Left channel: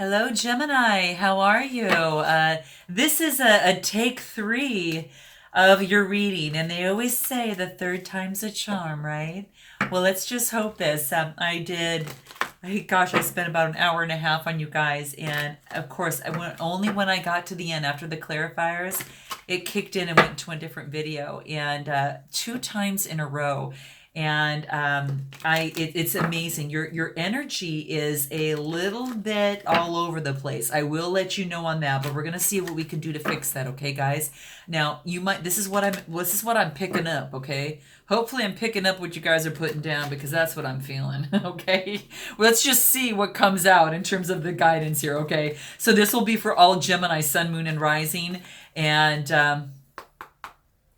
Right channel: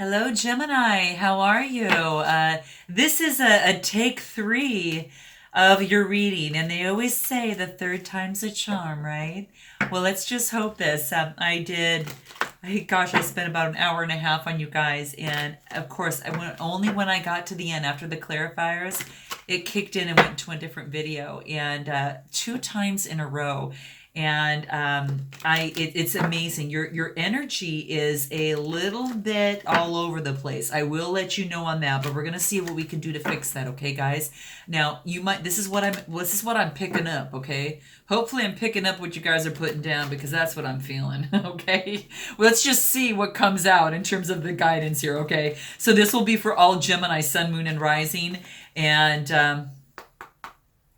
Hello, Gemini. How are you? This is a take three of your reading, and they always say the third time's a charm, right? Well, let's just hope this. I spent about an hour and a half on you guys, and of course, I went only when I got to the end after the clarifiers, it kicked in and went to a different video, and two times in a row. And it's amazing. Your energy is a little bit all over the place. I will let you know on that, but we're gonna see what we can do to fix that. Okay, guys. Now you might. This is what I'm picking up. Okay. Hopefully, I'm picking up what you guys are putting down because that's what I'm feeling. Okay. Well, let's just see what comes out in terms of the guidance here. Okay. So this will be for all Gemini, Sun, Moon, and Rising, and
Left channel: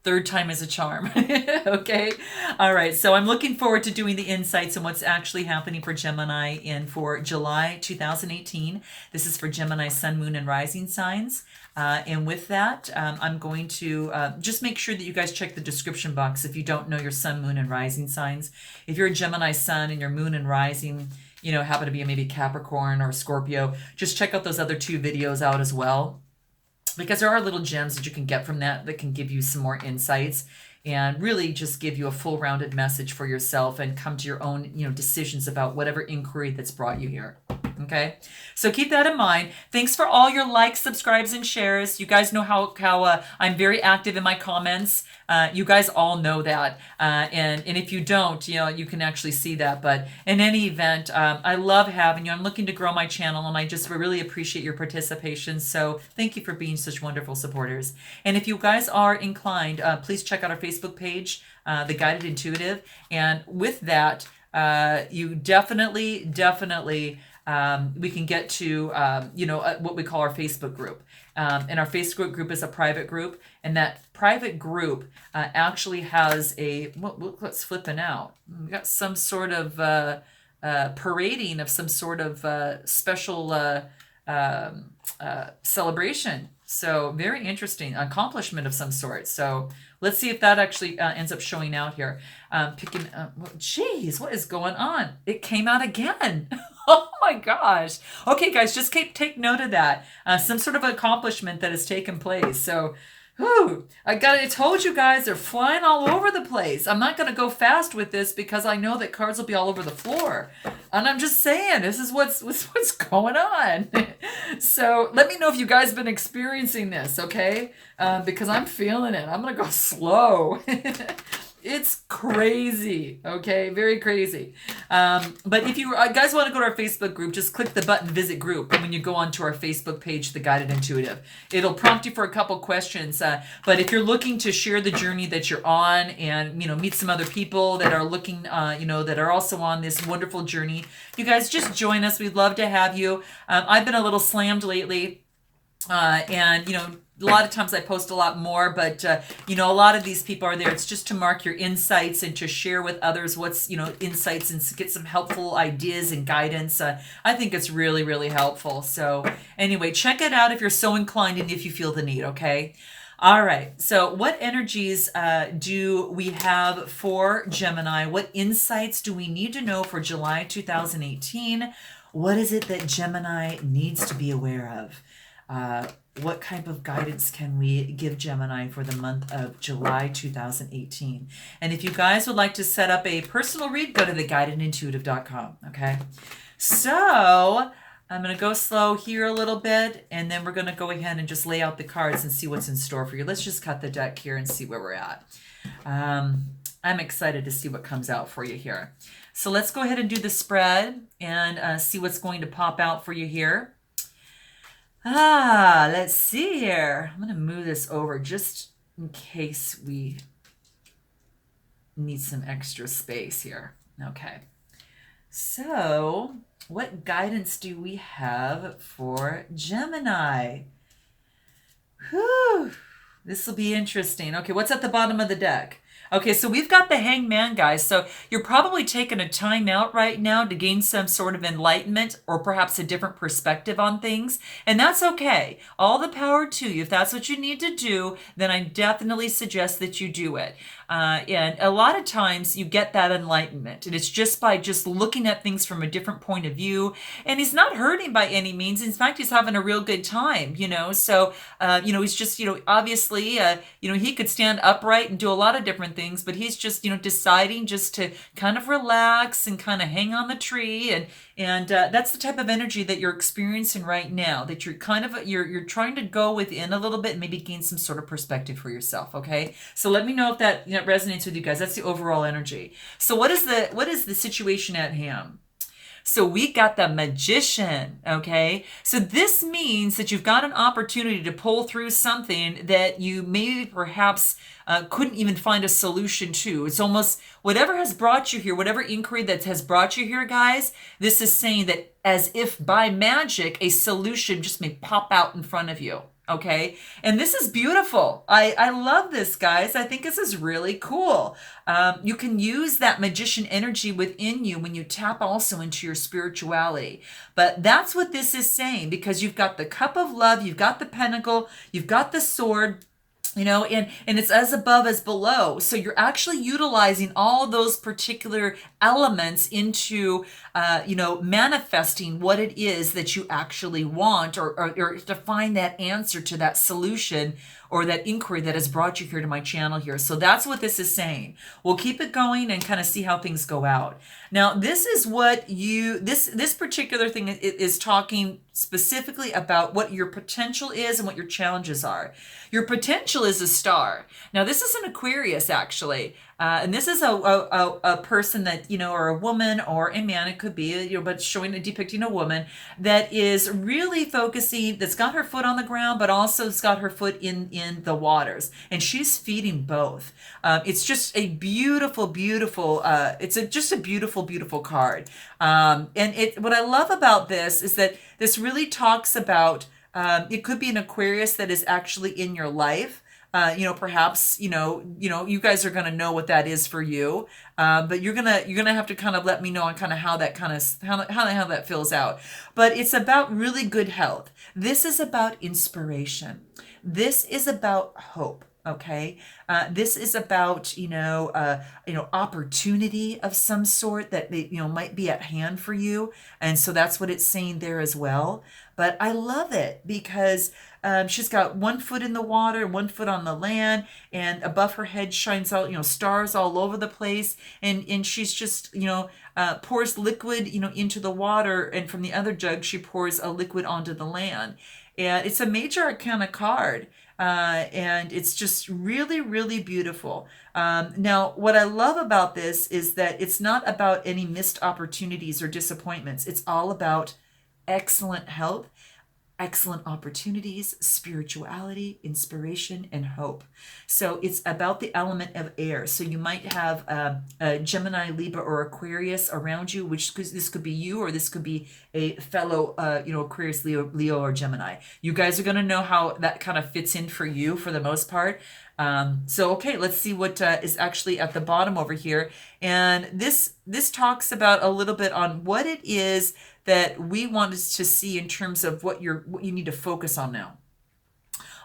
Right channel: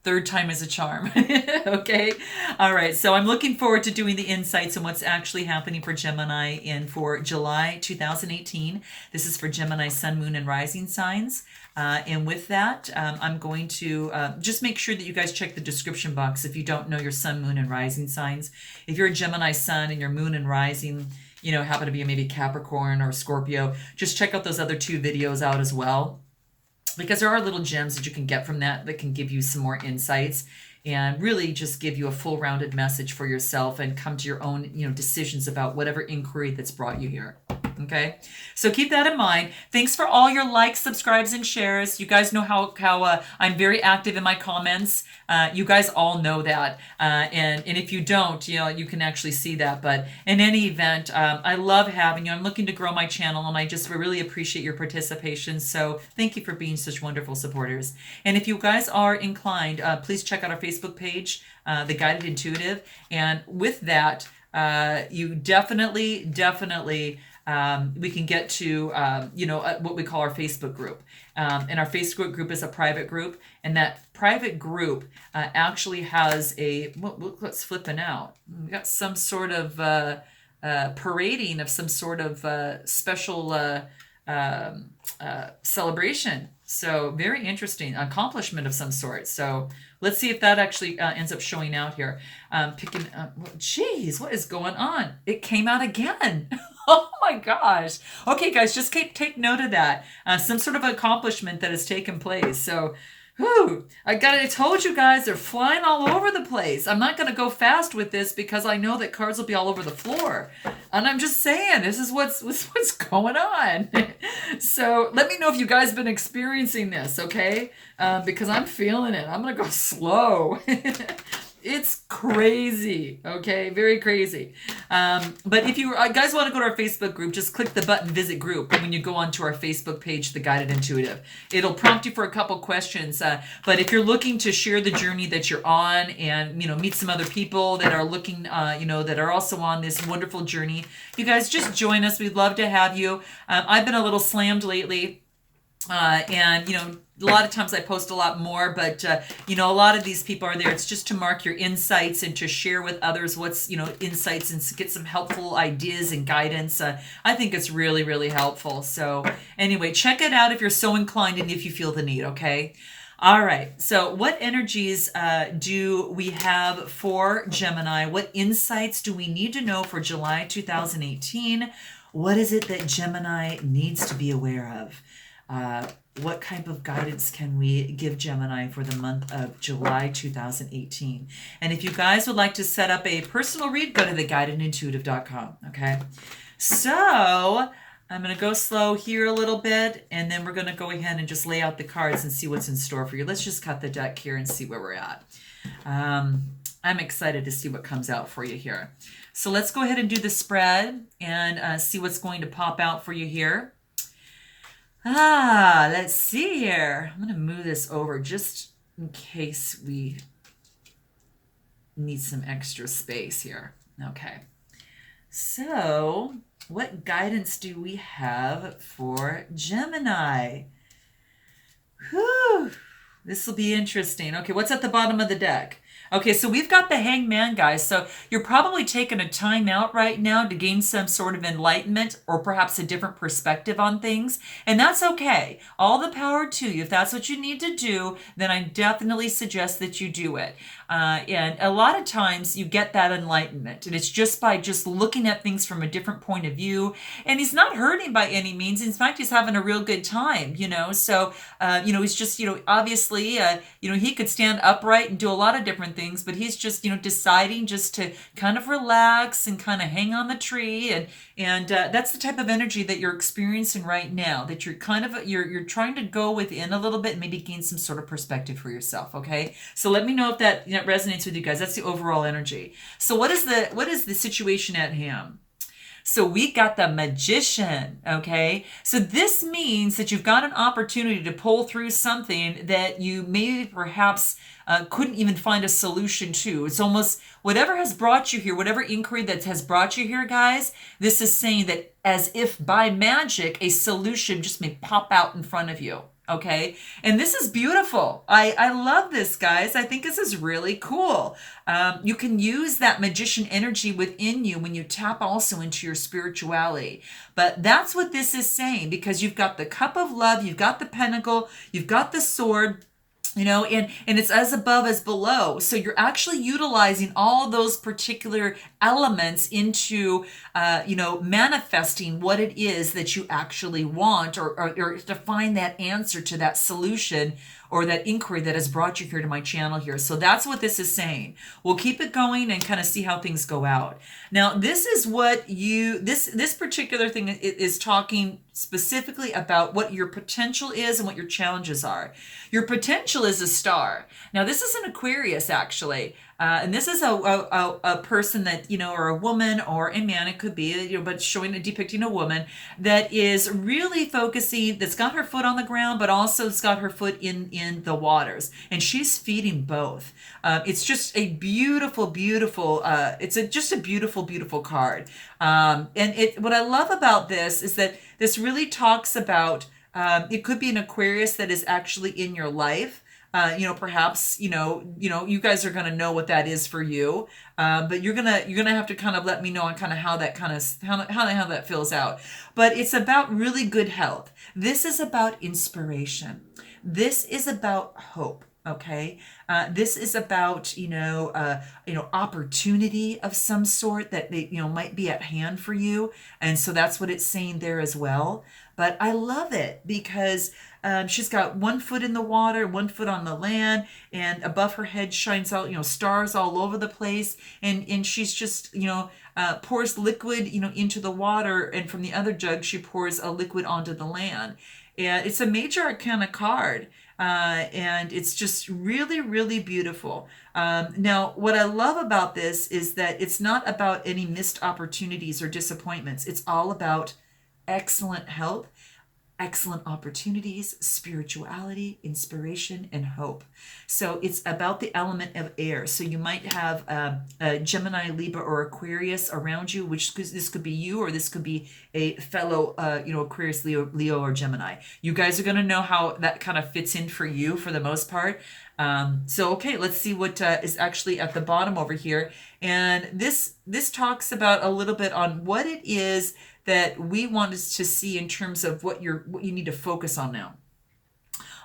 third time is a charm. Okay. All right. So I'm looking forward to doing the insights and what's actually happening for Gemini in for July 2018. This is for Gemini, Sun, Moon, and Rising signs. And with that, I'm going to just make sure that you guys check the description box if you don't know your Sun, Moon, and Rising signs. If you're a Gemini Sun and your Moon and Rising, happen to be maybe Capricorn or Scorpio, just check out those other two videos out as well, because there are little gems that you can get from that can give you some more insights and really just give you a full rounded message for yourself and come to your own decisions about whatever inquiry that's brought you here. Okay, so keep that in mind. Thanks for all your likes, subscribes, and shares. You guys know how I'm very active in my comments. You guys all know that, and if you don't, you can actually see that. But in any event, I love having you. I'm looking to grow my channel, and I just really appreciate your participation. So thank you for being such wonderful supporters. And if you guys are inclined, please check out our Facebook page, The Guided Intuitive. And with that, you definitely we can get to what we call our Facebook group, and our Facebook group is a private group, and that private group actually has what's flipping out. We got some sort of parading of some sort of special celebration. So very interesting accomplishment of some sort. So let's see if that actually ends up showing out here. Geez, what is going on? It came out again. Oh my gosh. Okay, guys, just take note of that. Some sort of accomplishment that has taken place. So, I told you guys they're flying all over the place. I'm not going to go fast with this because I know that cards will be all over the floor. And I'm just saying, this is what's going on. So let me know if you guys have been experiencing this, okay? Because I'm feeling it. I'm going to go slow. It's crazy, okay? Very crazy. But if you guys want to go to our Facebook group, just click the button Visit Group when you go onto our Facebook page, The Guided Intuitive. It'll prompt you for a couple questions. But if you're looking to share the journey that you're on and, meet some other people that are looking, that are also on this wonderful journey, you guys just join us. We'd love to have you. I've been a little slammed lately. And a lot of times I post a lot more, but a lot of these people are there. It's just to mark your insights and to share with others what's insights and to get some helpful ideas and guidance. I think it's really, really helpful. So anyway, check it out if you're so inclined and if you feel the need. Okay. All right. So what energies do we have for Gemini? What insights do we need to know for July 2018? What is it that Gemini needs to be aware of? What type of guidance can we give Gemini for the month of July 2018? And if you guys would like to set up a personal read, go to theguidedintuitive.com. Okay. So I'm going to go slow here a little bit, and then we're going to go ahead and just lay out the cards and see what's in store for you. Let's just cut the deck here and see where we're at. I'm excited to see what comes out for you here. So let's go ahead and do the spread and see what's going to pop out for you here. Let's see here. I'm going to move this over just in case we need some extra space here. Okay. So, what guidance do we have for Gemini? Whew. This will be interesting. Okay, what's at the bottom of the deck? Okay, so we've got the Hangman, guys. So you're probably taking a time out right now to gain some sort of enlightenment or perhaps a different perspective on things. And that's okay. All the power to you. If that's what you need to do, then I definitely suggest that you do it. And a lot of times you get that enlightenment, and it's just by just looking at things from a different point of view. And he's not hurting by any means. In fact, he's having a real good time, you know. So, he's just, obviously, he could stand upright and do a lot of different things, but he's just, deciding just to kind of relax and kind of hang on the tree. And that's the type of energy that you're experiencing right now, that you're kind of, you're trying to go within a little bit and maybe gain some sort of perspective for yourself. Okay. So let me know if that resonates with you guys. That's the overall energy. So what is the situation at hand? So we got the Magician, okay? So this means that you've got an opportunity to pull through something that you maybe perhaps couldn't even find a solution to. It's almost whatever has brought you here, whatever inquiry that has brought you here, guys, this is saying that as if by magic, a solution just may pop out in front of you. Okay. And this is beautiful. I love this, guys. I think this is really cool. You can use that magician energy within you when you tap also into your spirituality. But that's what this is saying, because you've got the cup of love, you've got the pentacle, you've got the sword, and it's as above as below. So you're actually utilizing all those particular elements into, manifesting what it is that you actually want, or to find that answer to that solution or that inquiry that has brought you here to my channel here. So that's what this is saying. We'll keep it going and kind of see how things go out. Now, this is what this particular thing is talking specifically about what your potential is and what your challenges are. Your potential is a star. Now, this is an Aquarius, actually. And this is a person that, or a woman or a man, it could be, but depicting a woman that is really focusing, that's got her foot on the ground, but also has got her foot in the waters. And she's feeding both. It's just a beautiful, beautiful, just a beautiful, beautiful card. What I love about this is that this really talks about, it could be an Aquarius that is actually in your life. Perhaps, you guys are going to know what that is for you. But you're going to have to kind of let me know on kind of how that how that fills out. But it's about really good health. This is about inspiration. This is about hope. Okay. This is about, opportunity of some sort that, might be at hand for you. And so that's what it's saying there as well. But I love it because she's got one foot in the water, one foot on the land, and above her head shines out, stars all over the place. And she's just, pours liquid, into the water. And from the other jug, she pours a liquid onto the land. And it's a major arcana card. And it's just really, really beautiful. Now, what I love about this is that it's not about any missed opportunities or disappointments. It's all about excellent health, excellent opportunities, spirituality, inspiration, and hope. So it's about the element of air. So you might have a Gemini, Libra, or Aquarius around you, this could be you, or this could be a fellow, Aquarius, Leo, or Gemini. You guys are going to know how that kind of fits in for you for the most part. Okay, let's see what is actually at the bottom over here. And this talks about a little bit on what it is that we wanted to see in terms of what you need to focus on now.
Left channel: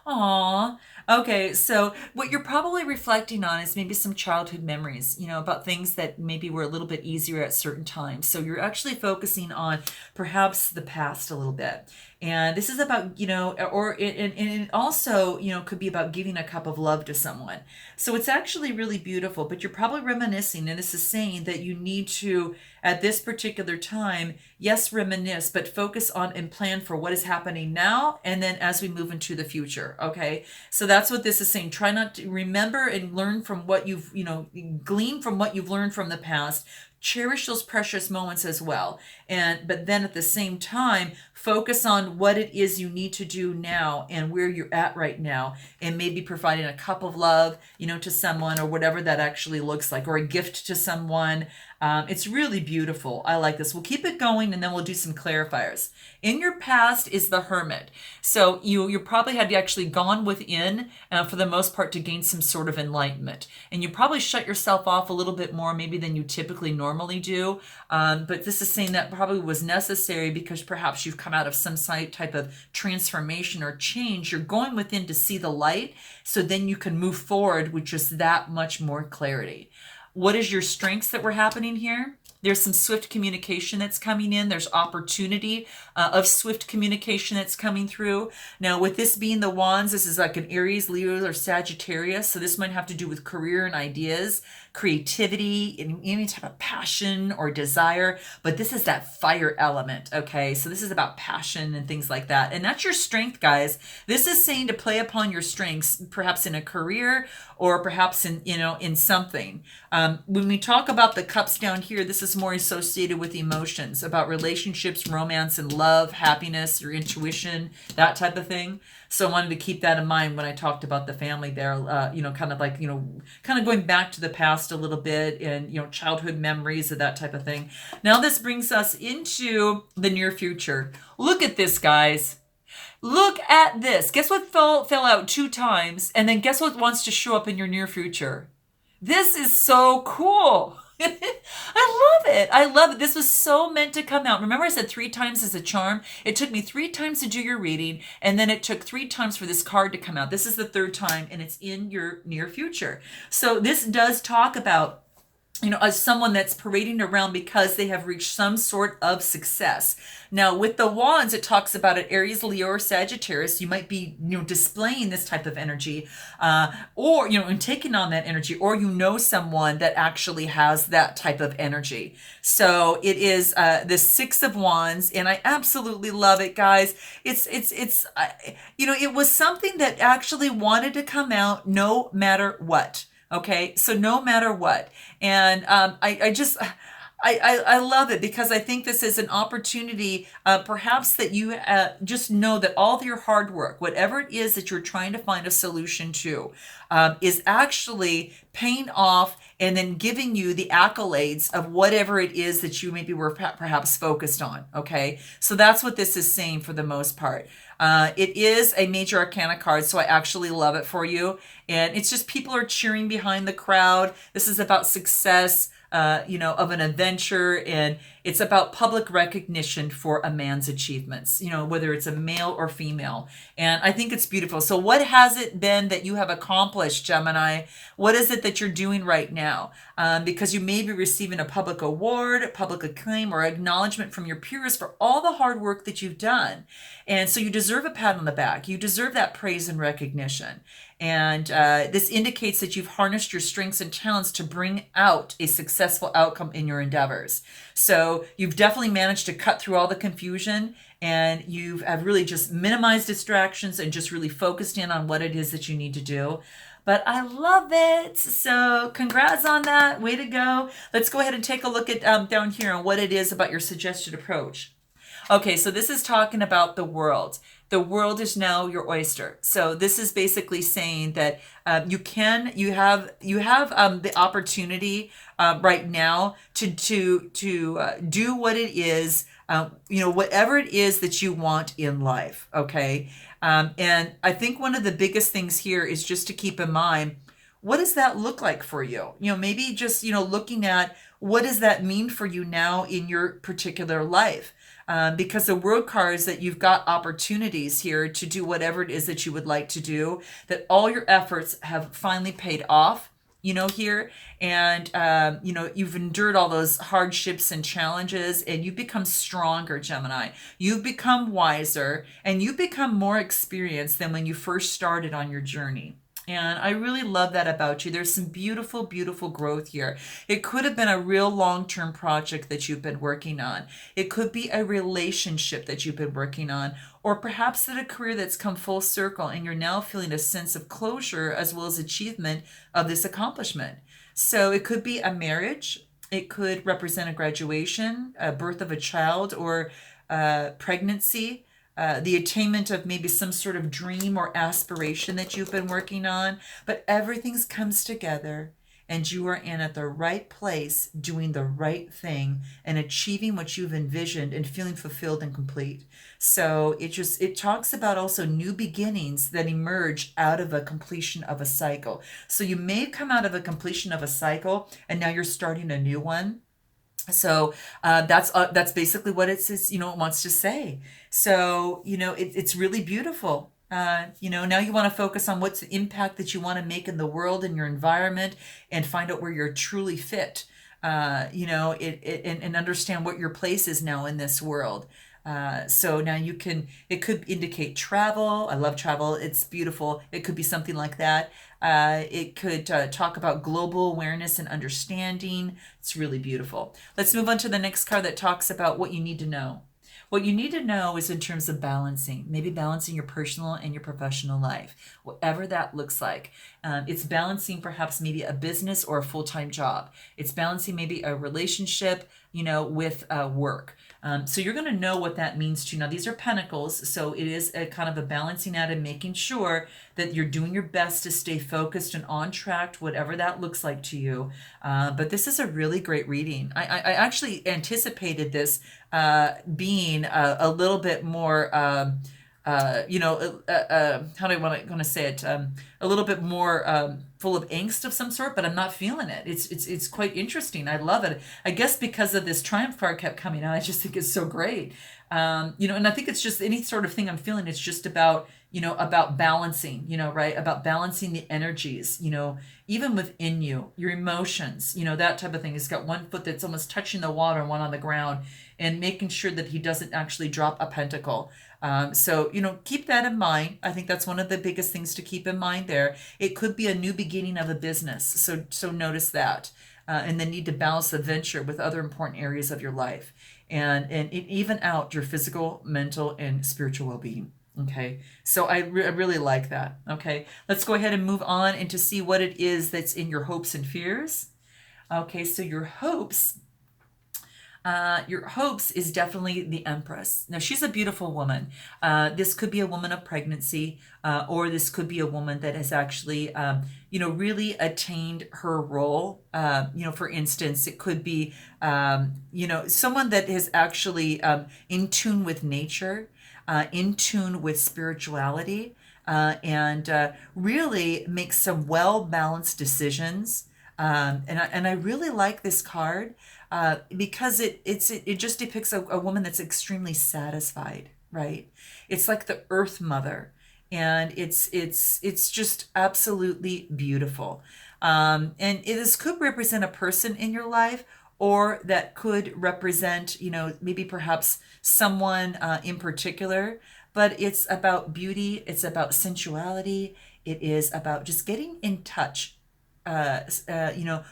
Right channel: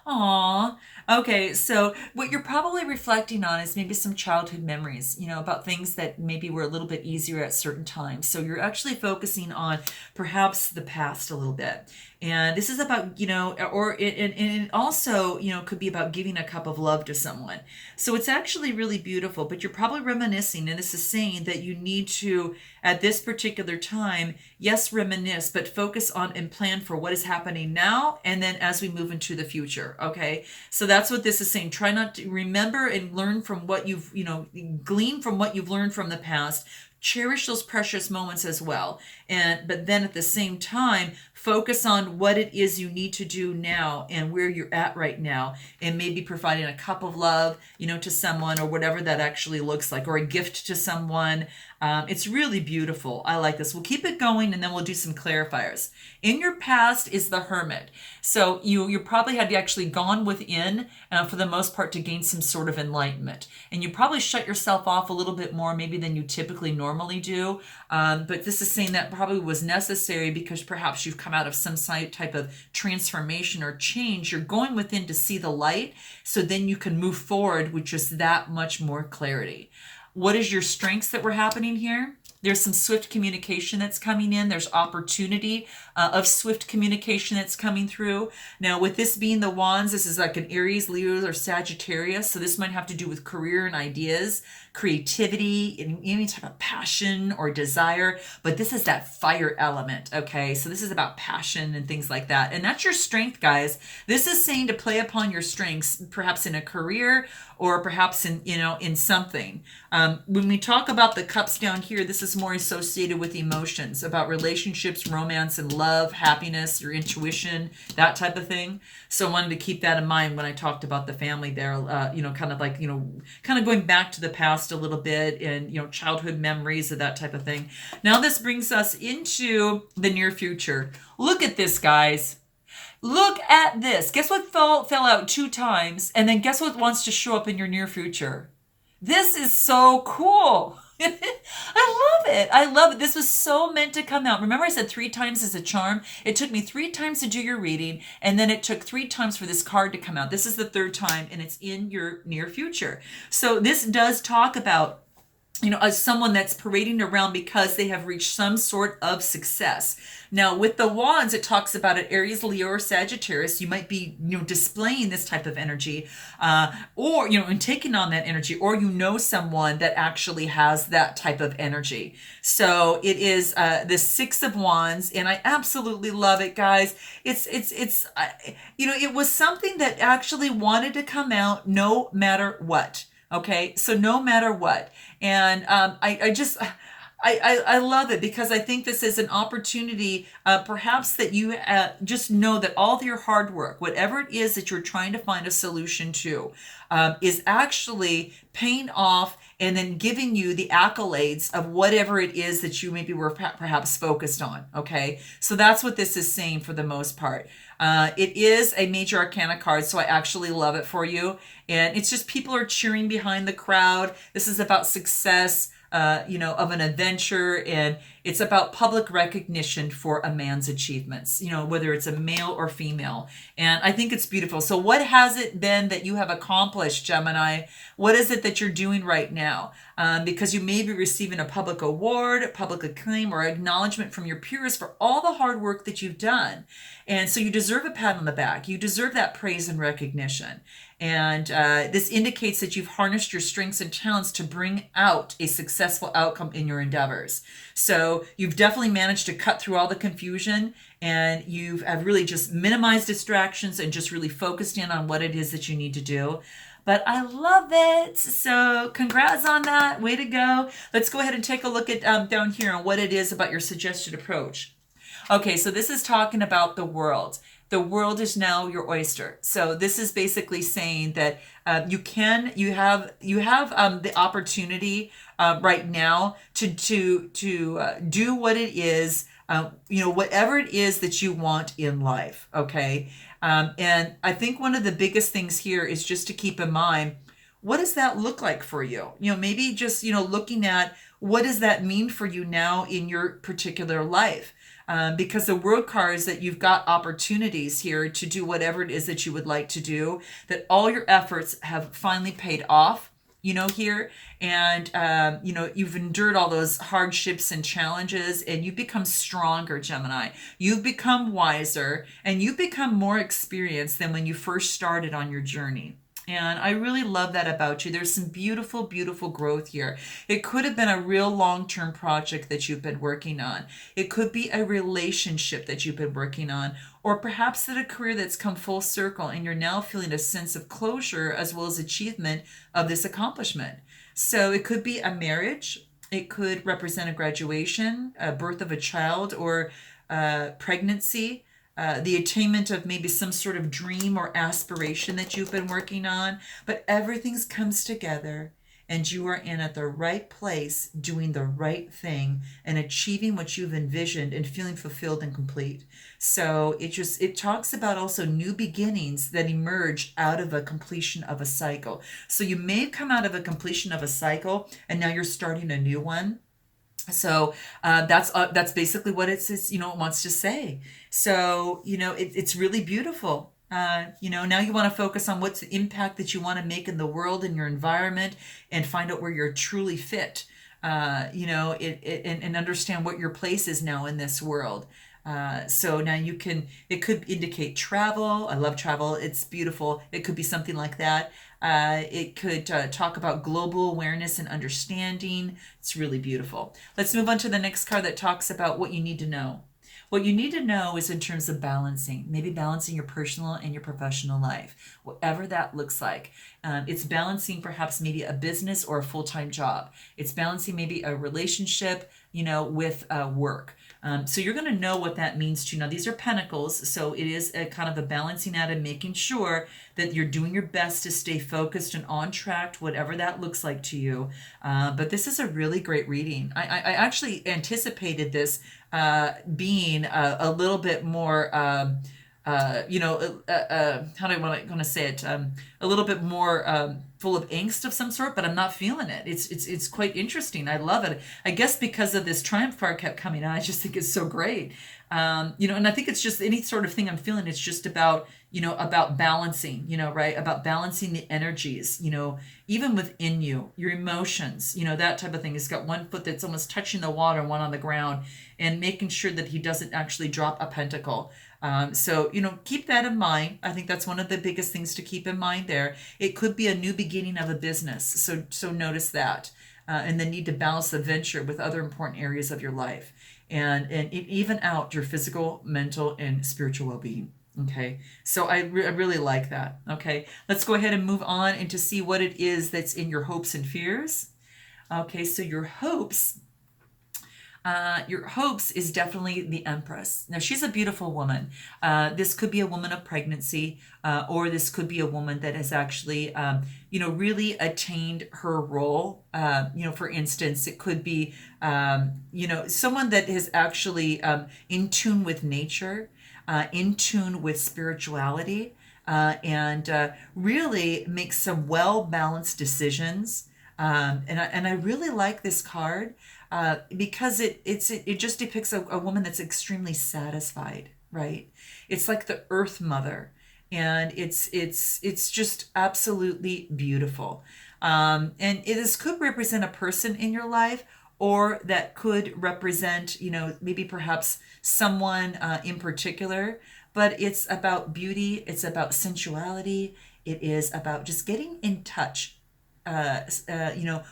Aww. Okay, so what you're probably reflecting on is maybe some childhood memories, about things that maybe were a little bit easier at certain times. So you're actually focusing on perhaps the past a little bit. And this is about, it also, could be about giving a cup of love to someone. So it's actually really beautiful, but you're probably reminiscing, and this is saying that you need to, at this particular time, yes, reminisce, but focus on and plan for what is happening now, and then as we move into the future, okay? So that's what this is saying. Try not to remember and learn from what you've, glean from what you've learned from the past. Cherish those precious moments as well. But then at the same time, focus on what it is you need to do now and where you're at right now, and maybe providing a cup of love, to someone, or whatever that actually looks like, or a gift to someone. It's really beautiful. I like this. We'll keep it going and then we'll do some clarifiers. In your past is the Hermit. So you probably have actually gone within for the most part to gain some sort of enlightenment. And you probably shut yourself off a little bit more maybe than you typically normally do. But this is saying that probably was necessary because perhaps you've come out of some type of transformation or change. You're going within to see the light so then you can move forward with just that much more clarity. What is your strengths that were happening here? There's some swift communication that's coming in. There's opportunity of swift communication that's coming through. Now, with this being the wands, this is like an Aries, Leo, or Sagittarius. So this might have to do with career and ideas, creativity, and any type of passion or desire. But this is that fire element, okay? So this is about passion and things like that. And that's your strength, guys. This is saying to play upon your strengths, perhaps in a career or perhaps in something. When we talk about the cups down here, this is more associated with emotions, about relationships, romance, and love, happiness, your intuition, that type of thing. So I wanted to keep that in mind when I talked about the family there, kind of going back to the past a little bit and, childhood memories of that type of thing. Now this brings us into the near future. Look at this, guys. Look at this. Guess what fell out 2 times? And then guess what wants to show up in your near future? This is so cool. I love it. I love it. This was so meant to come out. Remember I said 3 times is a charm? It took me 3 times to do your reading, and then it took 3 times for this card to come out. This is the 3rd time, and it's in your near future. So this does talk about as someone that's parading around because they have reached some sort of success. Now, with the wands, it talks about an Aries, Leo, or Sagittarius. You might be, displaying this type of energy, or, and taking on that energy, or someone that actually has that type of energy. So it is the 6 of Wands, and I absolutely love it, guys. It was something that actually wanted to come out no matter what. Okay, so no matter what. And I love it because I think this is an opportunity, perhaps that you just know that all of your hard work, whatever it is that you're trying to find a solution to, is actually paying off and then giving you the accolades of whatever it is that you maybe were perhaps focused on. Okay, so that's what this is saying for the most part. It is a major arcana card, so I actually love it for you. And it's just people are cheering behind the crowd. This is about success, of an adventure, and it's about public recognition for a man's achievements, whether it's a male or female. And I think it's beautiful. So what has it been that you have accomplished, Gemini? What is it that you're doing right now? Because you may be receiving a public award, public acclaim, or acknowledgement from your peers for all the hard work that you've done. And so you deserve a pat on the back. You deserve that praise and recognition. And this indicates that you've harnessed your strengths and talents to bring out a successful outcome in your endeavors. So you've definitely managed to cut through all the confusion, and have really just minimized distractions and just really focused in on what it is that you need to do. But I love it. So congrats on that. Way to go. Let's go ahead and take a look at down here on what it is about your suggested approach. Okay, so this is talking about the world. The world is now your oyster. So this is basically saying that you have the opportunity right now to do what it is, whatever it is that you want in life. Okay, and I think one of the biggest things here is just to keep in mind, what does that look like for you? Maybe just looking at what does that mean for you now in your particular life. Because the world cards that you've got opportunities here to do whatever it is that you would like to do, that all your efforts have finally paid off, here. And, you've endured all those hardships and challenges, and you've become stronger, Gemini. You've become wiser, and you've become more experienced than when you first started on your journey. And I really love that about you. There's some beautiful, beautiful growth here. It could have been a real long-term project that you've been working on. It could be a relationship that you've been working on, or perhaps that a career that's come full circle and you're now feeling a sense of closure as well as achievement of this accomplishment. So it could be a marriage. It could represent a graduation, a birth of a child, or pregnancy. The attainment of maybe some sort of dream or aspiration that you've been working on, but everything comes together and you are in at the right place, doing the right thing and achieving what you've envisioned and feeling fulfilled and complete. So it talks about also new beginnings that emerge out of a completion of a cycle. So you may have come out of a completion of a cycle and now you're starting a new one. So that's basically what it says, it wants to say. So, it's really beautiful. Now you want to focus on what's the impact that you want to make in the world and your environment, and find out where you're truly fit, and understand what your place is now in this world. So now it could indicate travel. I love travel. It's beautiful. It could be something like that. It could talk about global awareness and understanding. It's really beautiful. Let's move on to the next card that talks about what you need to know. What you need to know is in terms of balancing, maybe balancing your personal and your professional life, whatever that looks like. It's balancing perhaps maybe a business or a full-time job. It's balancing maybe a relationship, with work. So you're going to know what that means to you. Now, these are pentacles, so it is a kind of a balancing out and making sure that you're doing your best to stay focused and on track, whatever that looks like to you. But this is a really great reading. I actually anticipated this being a little bit more, how do I want to say it? A little bit more full of angst of some sort, but I'm not feeling it. It's quite interesting. I love it. I guess because of this Triumph card kept coming out, I just think it's so great. And I think it's just any sort of thing I'm feeling. It's just about, about balancing, right? About balancing the energies, even within you, your emotions, that type of thing. He's got one foot that's almost touching the water, one on the ground, and making sure that he doesn't actually drop a pentacle. So, keep that in mind. I think that's one of the biggest things to keep in mind there. It could be a new beginning of a business. So notice that. And the need to balance the venture with other important areas of your life, and even out your physical, mental, and spiritual well-being. Okay, so I really like that. Okay, let's go ahead and move on and to see what it is that's in your hopes and fears. Okay, so your hopes is definitely the Empress. Now, she's a beautiful woman. This could be a woman of pregnancy, or this could be a woman that has actually, really attained her role. For instance, it could be, someone that is actually in tune with nature, in tune with spirituality, and really makes some well-balanced decisions. And I really like this card. Because it just depicts a woman that's extremely satisfied, right? It's like the Earth Mother, and it's just absolutely beautiful. And this could represent a person in your life, or that could represent, maybe perhaps someone in particular. But it's about beauty. It's about sensuality. It is about just getting in touch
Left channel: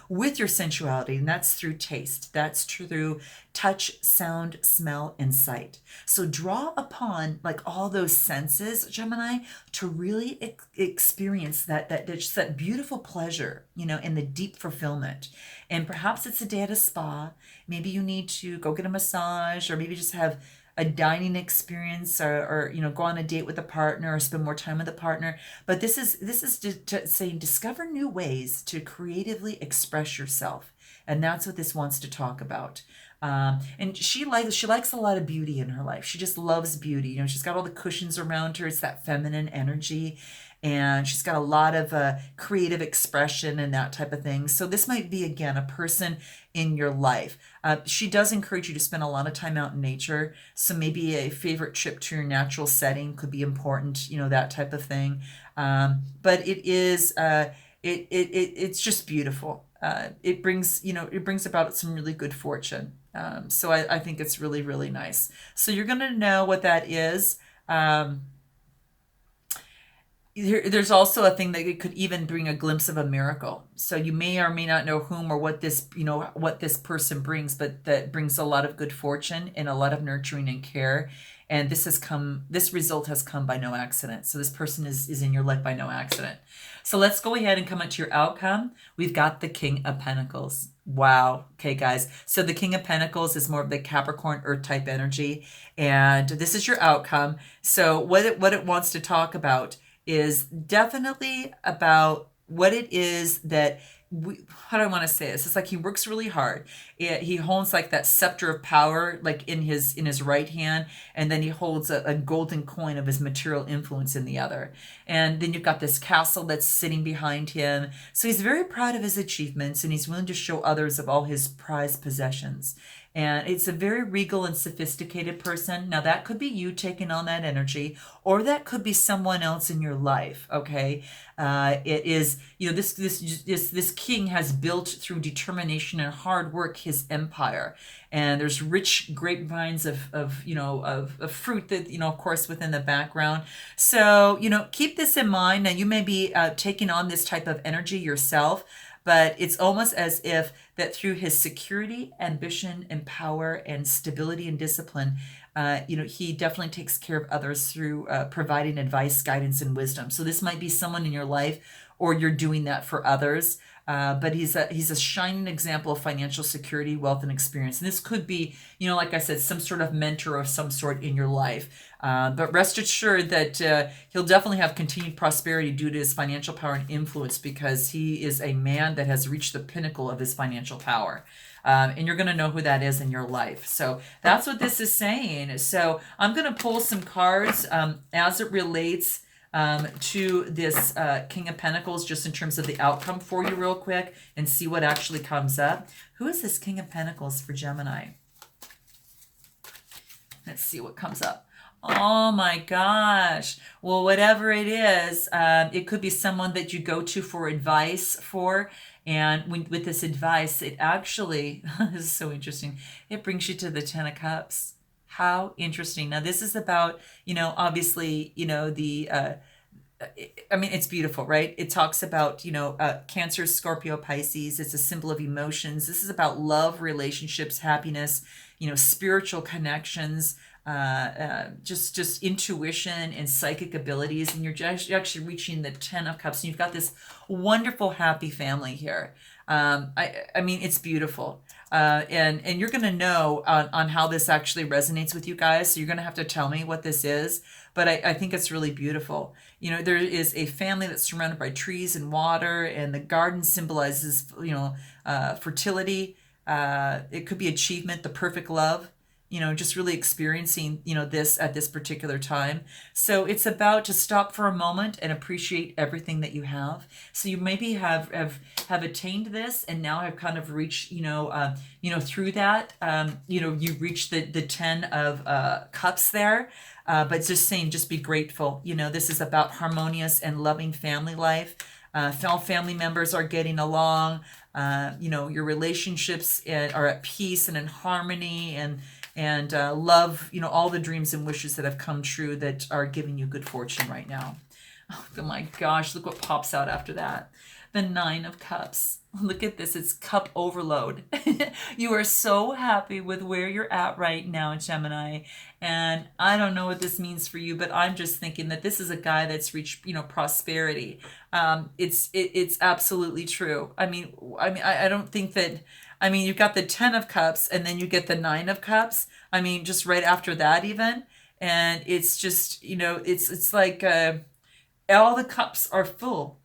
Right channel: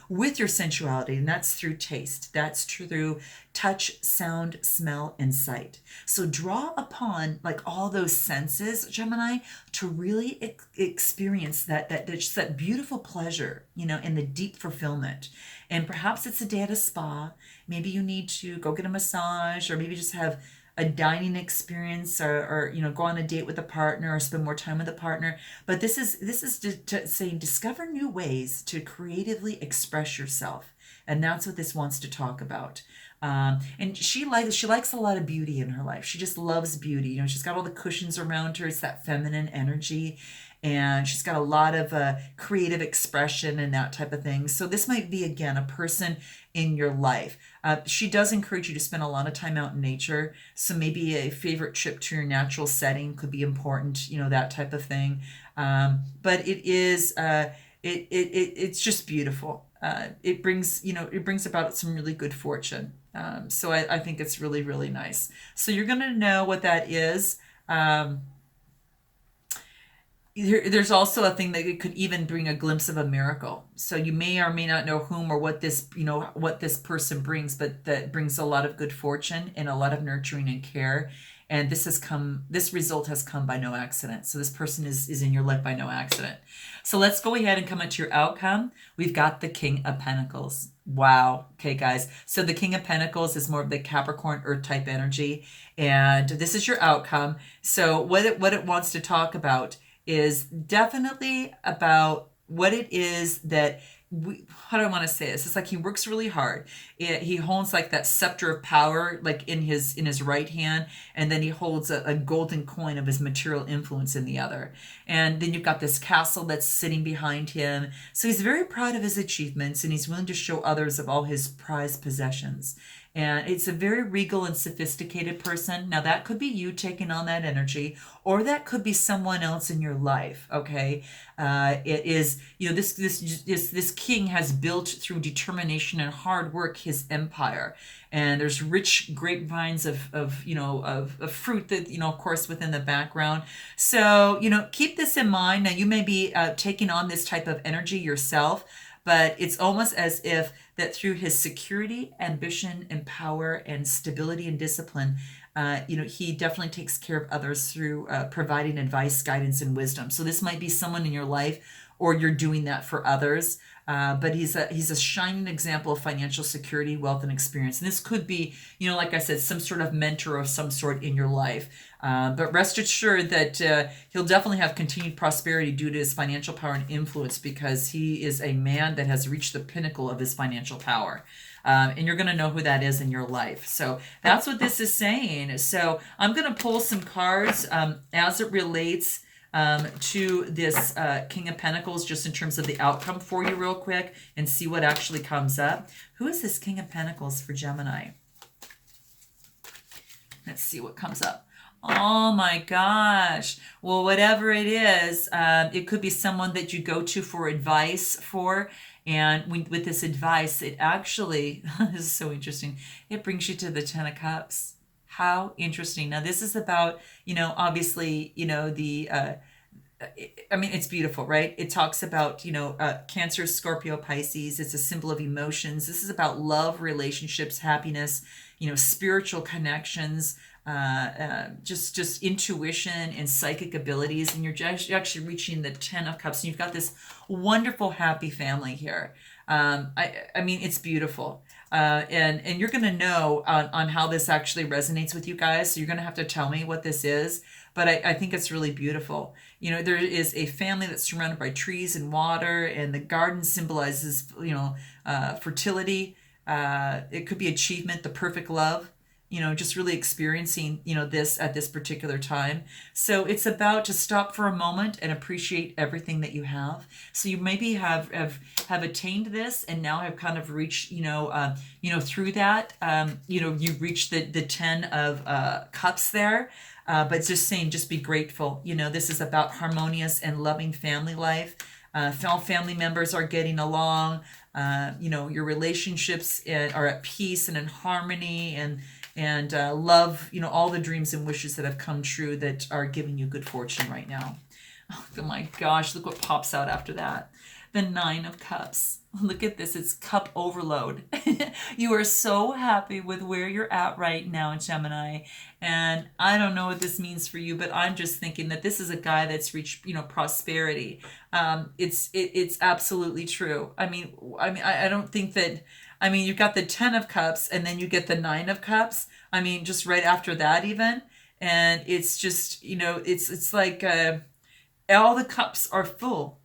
with your sensuality, and that's through taste. That's through touch, sound, smell, and sight. So draw upon like all those senses, Gemini, to really experience that beautiful pleasure, and the deep fulfillment. And perhaps it's a day at a spa. Maybe you need to go get a massage, or maybe just have a dining experience, or go on a date with a partner, or spend more time with a partner. But this is to saying discover new ways to creatively express yourself, and that's what this wants to talk about. And she likes a lot of beauty in her life. She just loves beauty. She's got all the cushions around her. It's that feminine energy, and she's got a lot of creative expression and that type of thing. So this might be, again, a person in your life. She does encourage you to spend a lot of time out in nature. So maybe a favorite trip to your natural setting could be important, that type of thing. But it is, it's just beautiful. It brings about some really good fortune. So I think it's really, really nice. So you're going to know what that is. There's also a thing that it could even bring a glimpse of a miracle. So you may or may not know whom or what this person brings, but that brings a lot of good fortune and a lot of nurturing and care. And this result has come by no accident. So this person is in your life by no accident. So let's go ahead and come into your outcome. We've got the King of Pentacles. Wow. Okay, guys. So the King of Pentacles is more of the Capricorn Earth type energy. And this is your outcome. So what it wants to talk about is definitely about what it is that how do I want to say this? It's like he works really hard. He holds like that scepter of power, like in his right hand, and then he holds a golden coin of his material influence in the other. And then you've got this castle that's sitting behind him. So he's very proud of his achievements, and he's willing to show others of all his prized possessions. And it's a very regal and sophisticated person. Now, that could be you taking on that energy, or that could be someone else in your life, okay? It is, this king has built through determination and hard work his empire. And there's rich grapevines of fruit that, of course, within the background. So, keep this in mind. Now, you may be taking on this type of energy yourself, but it's almost as if that through his security, ambition, and power, and stability and discipline, he definitely takes care of others through providing advice, guidance, and wisdom. So this might be someone in your life, or you're doing that for others. But he's a shining example of financial security, wealth, and experience. And this could be, like I said, some sort of mentor of some sort in your life. But rest assured that he'll definitely have continued prosperity due to his financial power and influence, because he is a man that has reached the pinnacle of his financial power. And you're going to know who that is in your life. So that's what this is saying. So I'm going to pull some cards as it relates to this King of Pentacles, just in terms of the outcome for you real quick, and see what actually comes up. Who is this King of Pentacles for Gemini? Let's see what comes up. Oh my gosh. Well, whatever it is, it could be someone that you go to for advice for. And with this advice, it actually, this is so interesting, it brings you to the Ten of Cups. How interesting. Now, this is about, obviously, it's beautiful, right? It talks about, Cancer, Scorpio, Pisces. It's a symbol of emotions. This is about love, relationships, happiness, spiritual connections, just intuition and psychic abilities. And you're actually reaching the Ten of Cups. And you've got this wonderful, happy family here. It's beautiful. And you're going to know on how this actually resonates with you guys. So you're going to have to tell me what this is. But I think it's really beautiful. There is a family that's surrounded by trees and water, and the garden symbolizes, fertility. It could be achievement, the perfect love. Just really experiencing, this at this particular time. So it's about to stop for a moment and appreciate everything that you have. So you maybe have attained this, and now have kind of reached, through that, you reached the 10 of cups there. But just saying, just be grateful. This is about harmonious and loving family life. All family members are getting along. Your relationships are at peace and in harmony, and love, all the dreams and wishes that have come true that are giving you good fortune right now. Oh my gosh, look what pops out after that. The Nine of Cups. Look at this, it's cup overload. You are so happy with where you're at right now, Gemini. And I don't know what this means for you, but I'm just thinking that this is a guy that's reached, prosperity. It's absolutely true. I don't think that, you've got the 10 of Cups, and then you get the 9 of Cups. Just right after that even. And it's just, it's like all the cups are full,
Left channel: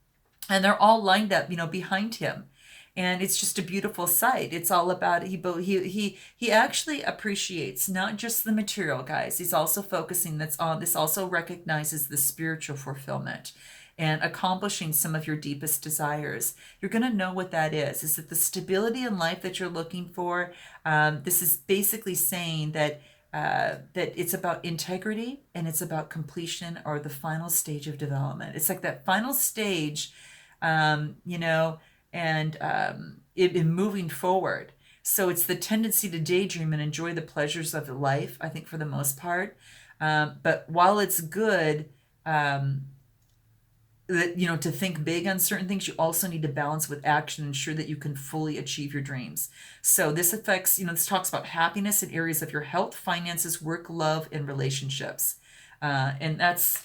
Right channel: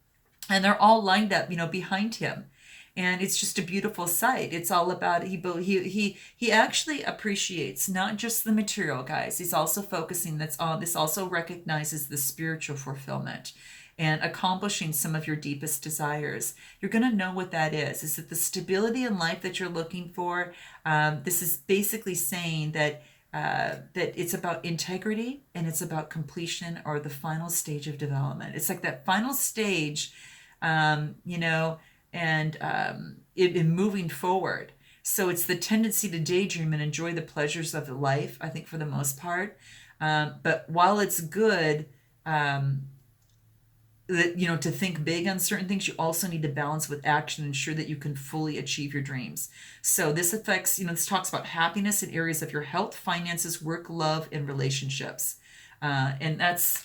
and they're all lined up, behind him. And it's just a beautiful sight. It's all about, he actually appreciates not just the material, guys. He's also focusing, this also recognizes the spiritual fulfillment and accomplishing some of your deepest desires. You're going to know what that is. Is it the stability in life that you're looking for? This is basically saying that it's about integrity, and it's about completion, or the final stage of development. It's like that final stage, in moving forward. So it's the tendency to daydream and enjoy the pleasures of life, I think, for the most part. But while it's good, to think big on certain things, you also need to balance with action and ensure that you can fully achieve your dreams. So this affects, this talks about happiness in areas of your health, finances, work, love, and relationships. And that's,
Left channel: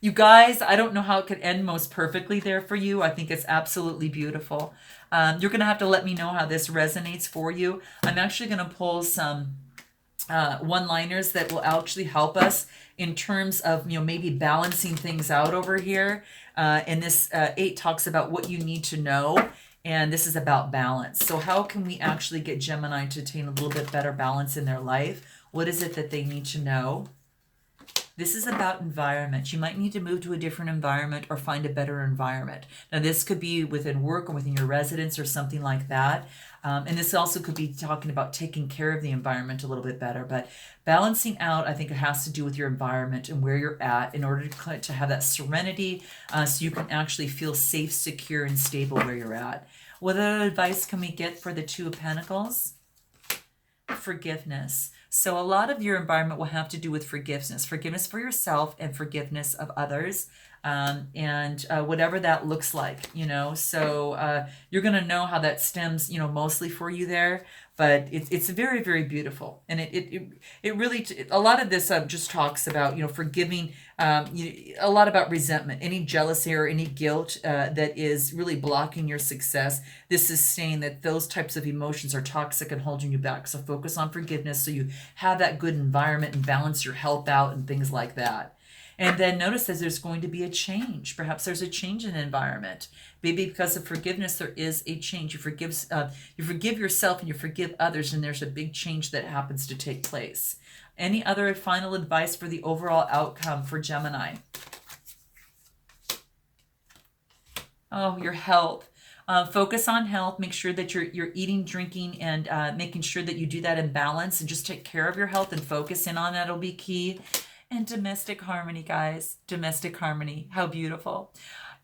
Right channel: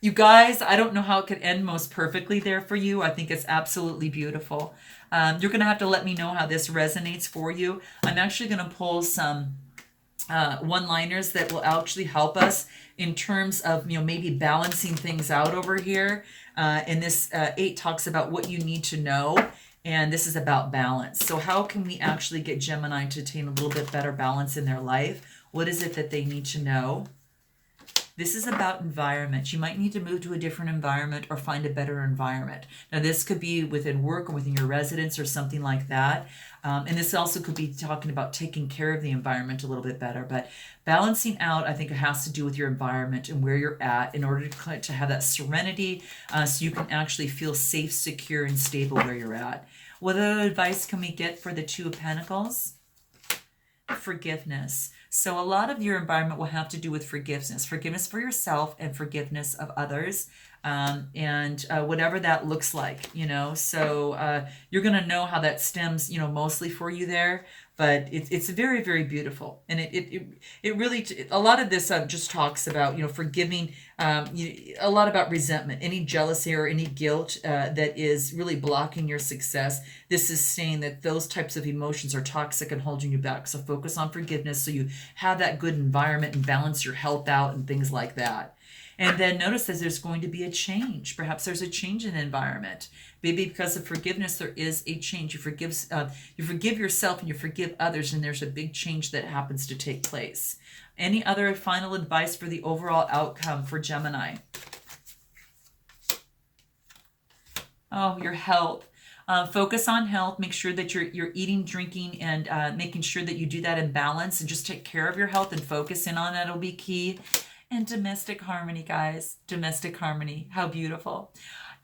you guys, I don't know how it could end most perfectly there for you. I think it's absolutely beautiful. You're going to have to let me know how this resonates for you. I'm actually going to pull some one-liners that will actually help us in terms of, maybe balancing things out over here. And this 8 talks about what you need to know. And this is about balance. So how can we actually get Gemini to attain a little bit better balance in their life? What is it that they need to know? This is about environment. You might need to move to a different environment or find a better environment. Now, this could be within work or within your residence or something like that. And this also could be talking about taking care of the environment a little bit better. But balancing out, I think it has to do with your environment and where you're at in order to have that serenity so you can actually feel safe, secure, and stable where you're at. What other advice can we get for the Two of Pentacles? Forgiveness. So a lot of your environment will have to do with forgiveness for yourself and forgiveness of others, and whatever that looks like, so you're going to know how that stems, mostly for you there, but it's very, very beautiful. And it really, a lot of this just talks about, forgiving, a lot about resentment, any jealousy or any guilt that is really blocking your success. This is saying that those types of emotions are toxic and holding you back. So focus on forgiveness so you have that good environment and balance your health out and things like that. And then notice that there's going to be a change. Perhaps there's a change in the environment. Maybe because of forgiveness, there is a change. You forgive yourself and you forgive others, and there's a big change that happens to take place. Any other final advice for the overall outcome for Gemini? Oh, your health. Focus on health. Make sure that you're eating, drinking, and making sure that you do that in balance, and just take care of your health and focus in on that will be key. And domestic harmony, guys. Domestic harmony. How beautiful.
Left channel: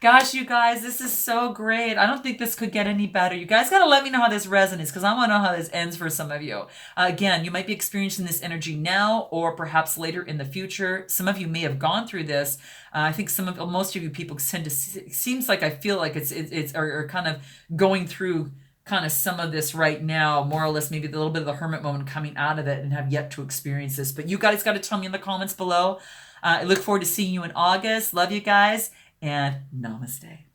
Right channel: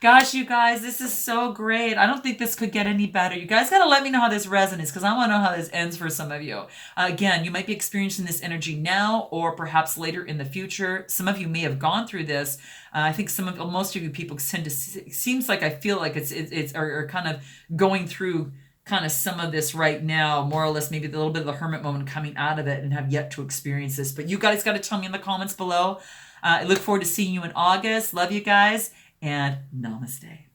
Gosh, you guys, this is so great. I don't think this could get any better. You guys got to let me know how this resonates, because I want to know how this ends for some of you. Again, you might be experiencing this energy now or perhaps later in the future. Some of you may have gone through this. I think most of you people tend to, it seems like I feel like it's kind of going through kind of some of this right now, more or less, maybe a little bit of the hermit moment coming out of it, and have yet to experience this. But you guys got to tell me in the comments below. I look forward to seeing you in August. Love you guys, and namaste.